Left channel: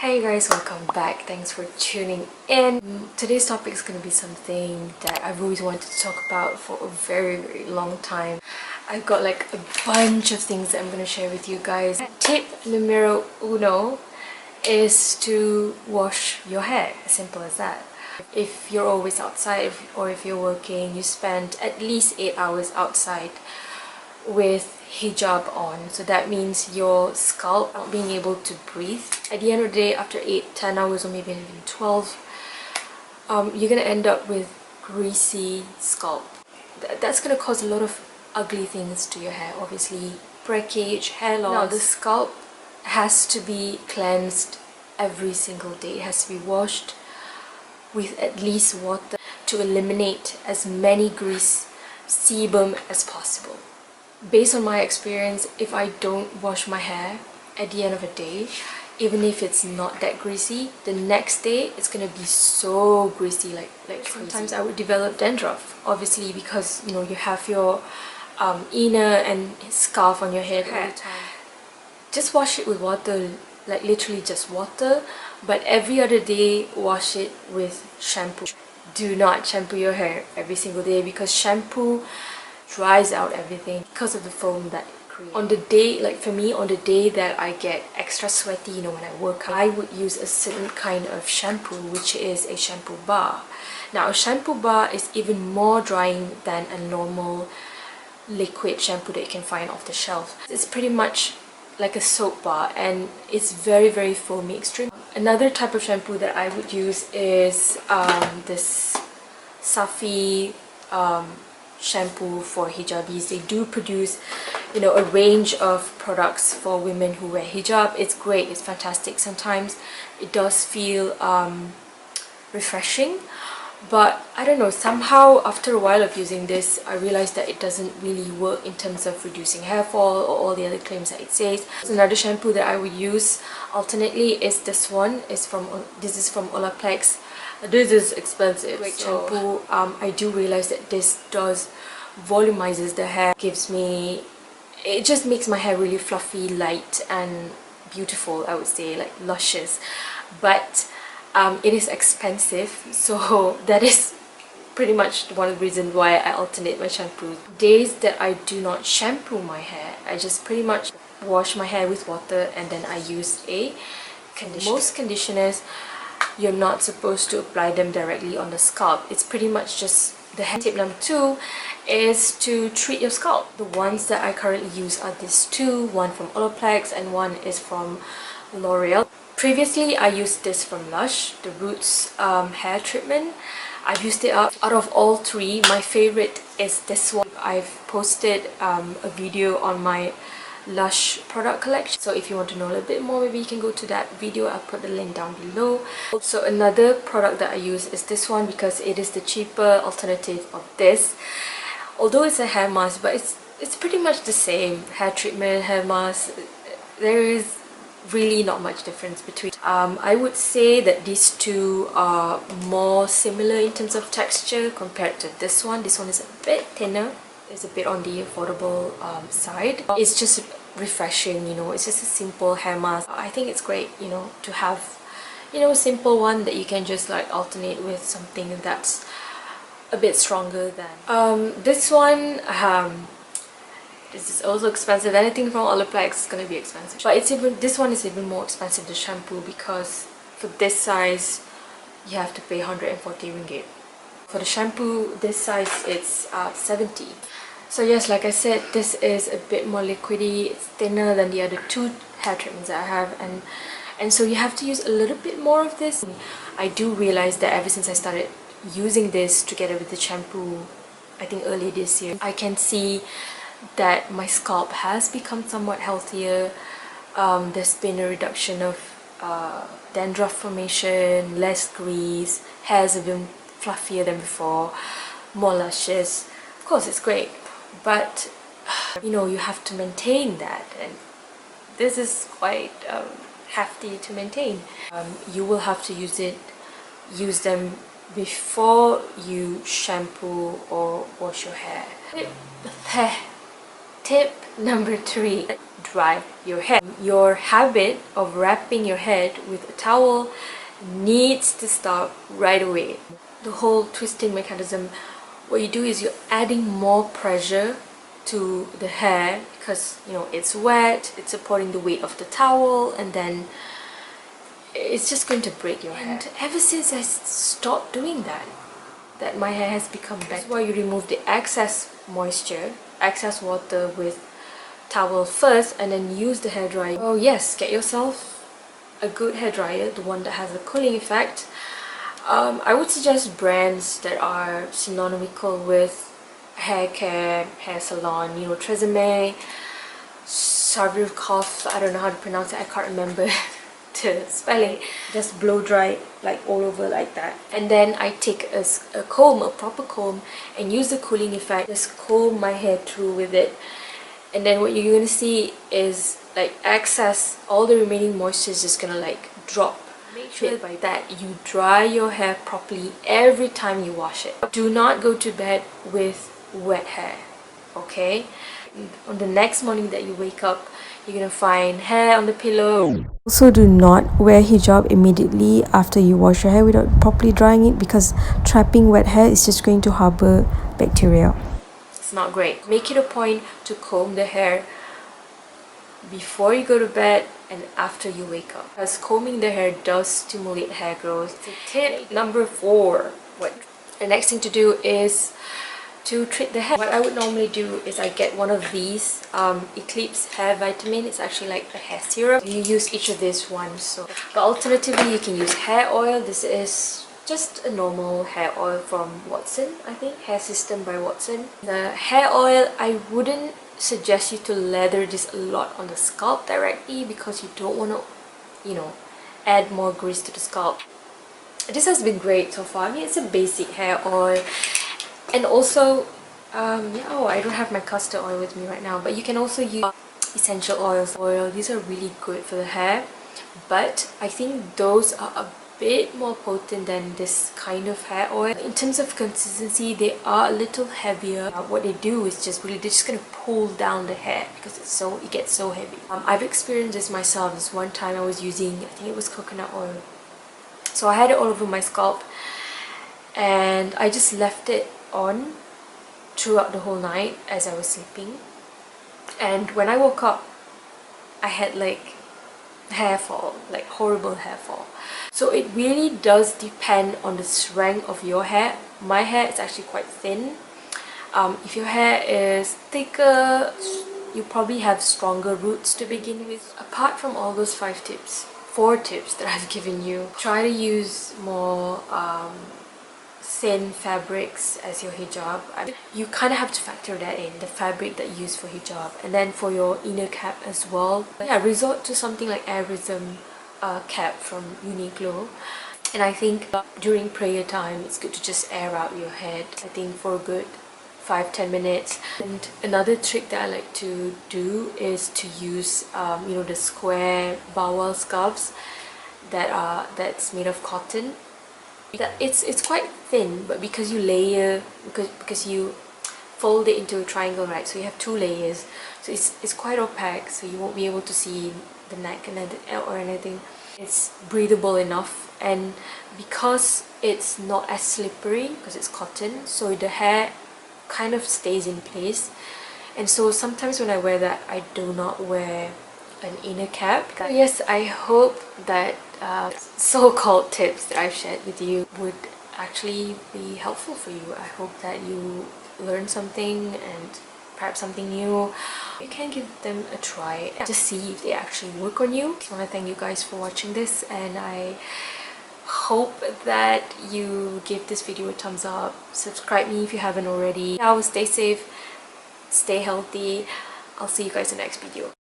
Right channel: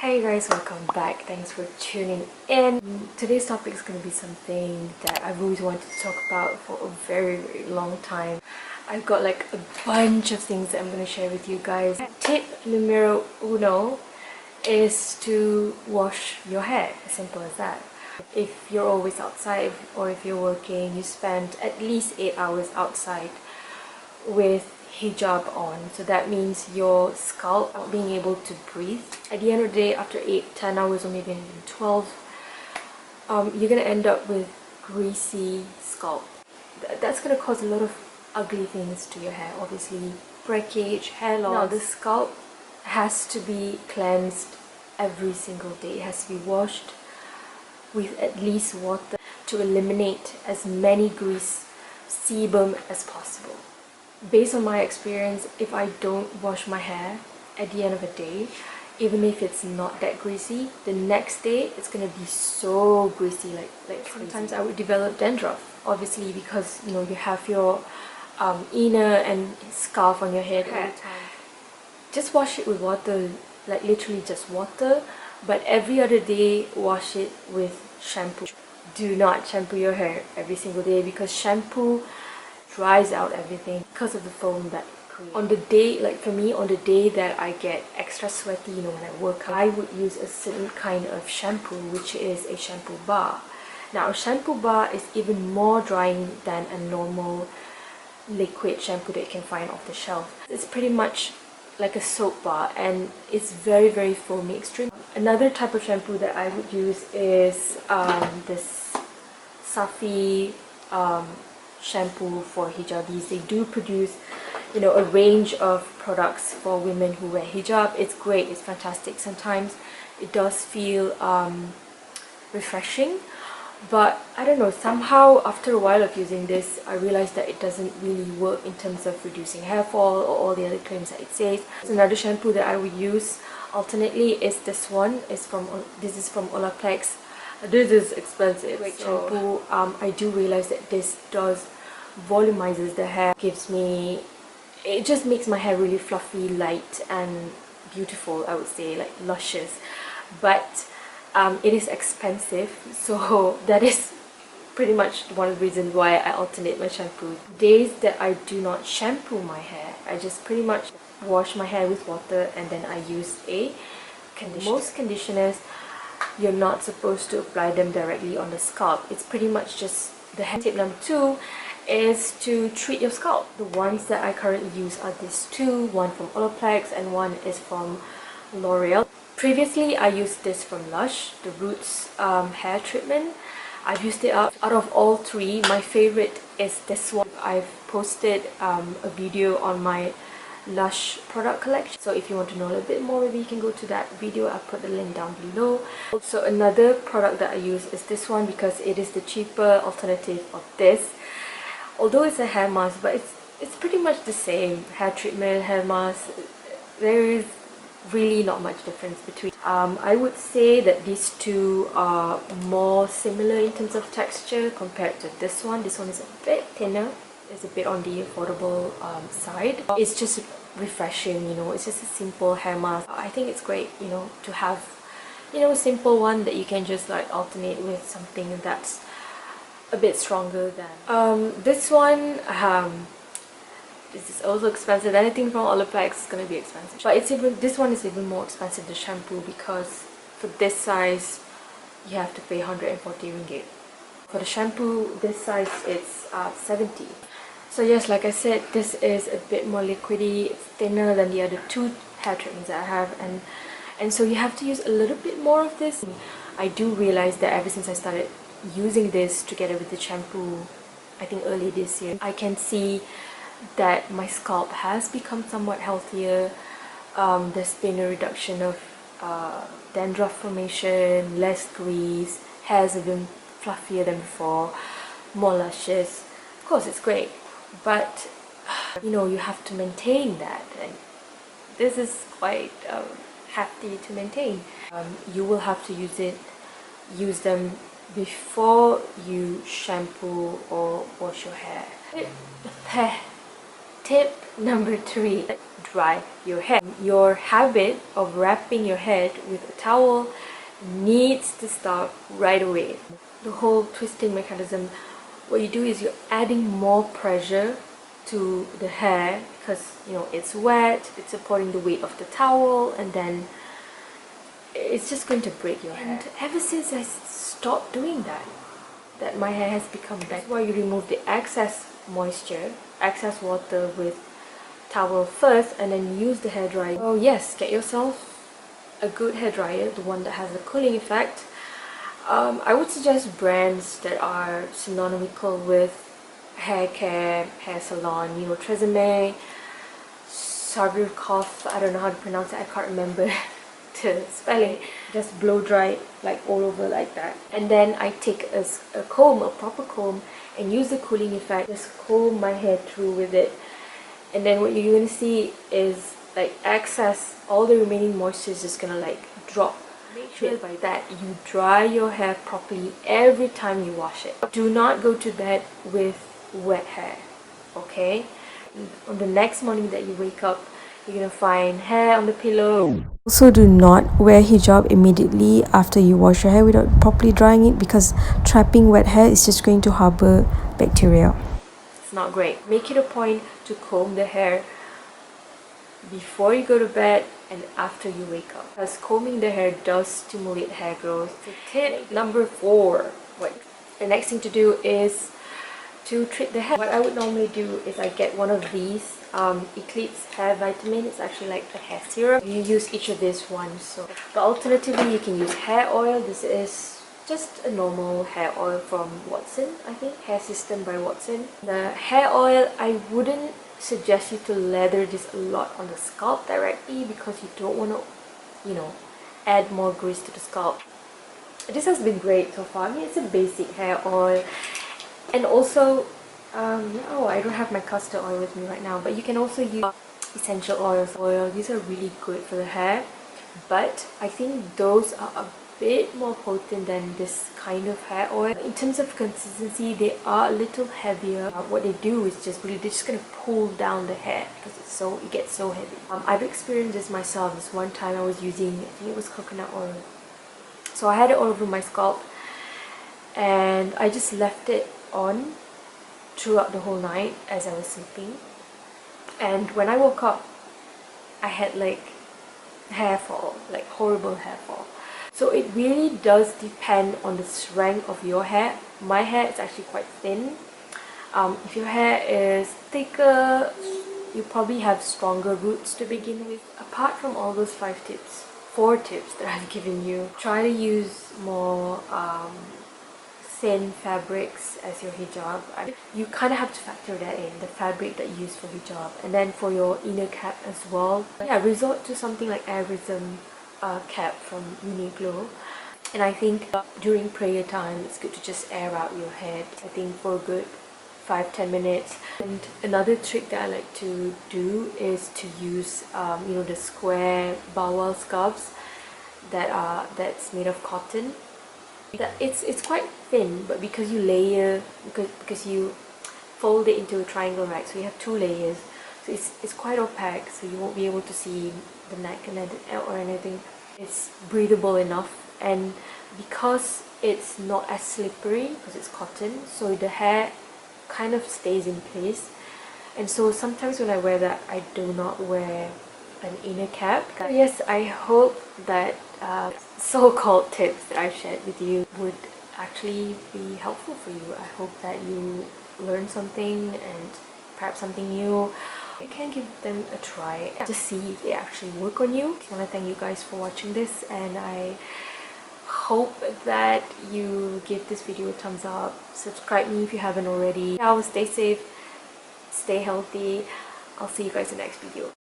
Hey guys, welcome back. Thanks for tuning in. Today's topic is going to be something that I've always wanted to talk about for a very long time. I've got like a bunch of things that I'm going to share with you guys. Tip numero uno is to wash your hair. As simple as that. If you're always outside or if you're working, you spend at least 8 hours outside with hijab on, so that means your scalp not being able to breathe. At the end of the day, after 8-10 hours or maybe even 12, you're gonna end up with greasy scalp. That's gonna cause a lot of ugly things to your hair, obviously breakage, hair loss. Now the scalp has to be cleansed every single day. It has to be washed with at least water to eliminate as many grease, sebum as possible. Based on my experience, if I don't wash my hair at the end of a day, even if it's not that greasy, the next day it's gonna be so greasy, like crazy. Sometimes I would develop dandruff, obviously, because you know you have your inner and scarf on your head all the time. Just wash it with water, like literally just water, but every other day wash it with shampoo. Do not shampoo your hair every single day because shampoo dries out everything because of the foam that it creates. On the day, like for me, on the day that I get extra sweaty, you know, when I work out, I would use a certain kind of shampoo, which is a shampoo bar. Now a shampoo bar is even more drying than a normal liquid shampoo that you can find off the shelf. It's pretty much like a soap bar and it's very foamy, extreme. Another type of shampoo that I would use is this Safi shampoo for hijabis. They do produce, you know, a range of products for women who wear hijab. It's great, it's fantastic. Sometimes it does feel refreshing, but I don't know, somehow after a while of using this I realized that it doesn't really work in terms of reducing hair fall or all the other claims that it says. Another shampoo that I would use alternately is this one. This is from Olaplex. This is expensive. Great shampoo. I do realize that this does volumizes the hair, it just makes my hair really fluffy, light and beautiful, I would say, like luscious. But it is expensive, so that is pretty much one of the reasons why I alternate my shampoos. Days that I do not shampoo my hair, I just pretty much wash my hair with water and then I use a conditioner. Most conditioners, you're not supposed to apply them directly on the scalp. It's pretty much just the hair. Tip number 2 is to treat your scalp. The ones that I currently use are these two, one from Olaplex and one is from L'Oreal. Previously I used this from Lush, the Roots hair treatment. I've used it out of all three. My favorite is this one. I've posted a video on my Lush product collection, so if you want to know a little bit more, maybe you can go to that video. I'll put the link down below. Also, another product that I use is this one because it is the cheaper alternative of this. Although it's a hair mask, but it's pretty much the same. Hair treatment, hair mask, there is really not much difference between. I would say that these two are more similar in terms of texture compared to this one. This one is a bit thinner. It's a bit on the affordable side. It's just refreshing, you know, it's just a simple hair mask. I think it's great, you know, to have, you know, a simple one that you can just like alternate with something that's a bit stronger than this one. This is also expensive. Anything from Olaplex is gonna be expensive, but this one is even more expensive, the shampoo, because for this size you have to pay 140 ringgit. For the shampoo this size it's 70. So yes, like I said, this is a bit more liquidy. It's thinner than the other two hair treatments that I have, and so you have to use a little bit more of this. I do realize that ever since I started using this together with the shampoo, I think early this year, I can see that my scalp has become somewhat healthier. There's been a reduction of dandruff formation, less grease, hairs have been fluffier than before, more luscious. Of course it's great, but you know, you have to maintain that, and this is quite hefty to maintain. You will have to use them before you shampoo or wash your hair. Tip number 3, dry your hair. Your habit of wrapping your head with a towel needs to stop right away. The whole twisting mechanism, what you do is you're adding more pressure to the hair because it's wet, it's supporting the weight of the towel, and then it's just going to break your hair. And ever since I stopped doing that my hair has become better. That's why you remove the excess moisture, excess water with towel first, and then use the hairdryer. Oh yes, get yourself a good hairdryer, the one that has a cooling effect. I would suggest brands that are synonymical with hair care, hair salon, TRESEMME, I don't know how to pronounce it, I can't remember the spelling. Just blow dry like all over like that, and then I take a comb, a proper comb, and use the cooling effect. Just comb my hair through with it, and then what you're gonna see is like excess, all the remaining moisture is just gonna like drop. Make sure by that you dry your hair properly every time you wash it. Do not go to bed with wet hair, okay? On the next morning that you wake up, you're gonna find hair on the pillow. Also, do not wear hijab immediately after you wash your hair without properly drying it, because trapping wet hair is just going to harbor bacteria. It's not great. Make it a point to comb the hair before you go to bed and after you wake up, because combing the hair does stimulate hair growth. So tip number 4. The next thing to do is to treat the hair. What I would normally do is I get one of these ELLIPS hair vitamin. It's actually like a hair serum. You use each of these ones. But alternatively, you can use hair oil. This is just a normal hair oil from Watson, I think. Hair System by Watson. The hair oil, I wouldn't suggest you to lather this a lot on the scalp directly, because you don't want to, add more grease to the scalp. This has been great so far. I mean, it's a basic hair oil. And also, I don't have my castor oil with me right now, but you can also use essential oils. These are really good for the hair, but I think those are a bit more potent than this kind of hair oil. In terms of consistency, they are a little heavier. What they do is they're just gonna pull down the hair because it gets so heavy. I've experienced this myself. This one time I was using, I think it was coconut oil. So I had it all over my scalp, and I just left it on throughout the whole night as I was sleeping, and when I woke up I had like hair fall, like horrible hair fall. So it really does depend on the strength of your hair. My hair is actually quite thin. If your hair is thicker, you probably have stronger roots to begin with. Apart from all those 4 tips that I've given you, try to use more thin fabrics as your hijab. You kind of have to factor that in, the fabric that you use for hijab, and then for your inner cap as well. Resort to something like airism cap from Uniqlo. And I think during prayer time, it's good to just air out your head, I think for a good 5-10 minutes. And another trick that I like to do is to use the square bowel scarves that's made of cotton. It's quite thin, but because you layer, because you fold it into a triangle, right? So you have 2 layers, so it's quite opaque, so you won't be able to see the neck or anything. It's breathable enough, and because it's not as slippery because it's cotton, so the hair kind of stays in place. And so sometimes when I wear that, I do not wear an inner cap. So yes, I hope that so-called tips that I've shared with you would actually be helpful for you. I hope that you learn something, and perhaps something new. You can give them a try, just see if they actually work on you. I want to thank you guys for watching this, and I hope that you give this video a thumbs up. Subscribe me if you haven't already. Now, stay safe, stay healthy. I'll see you guys in the next video.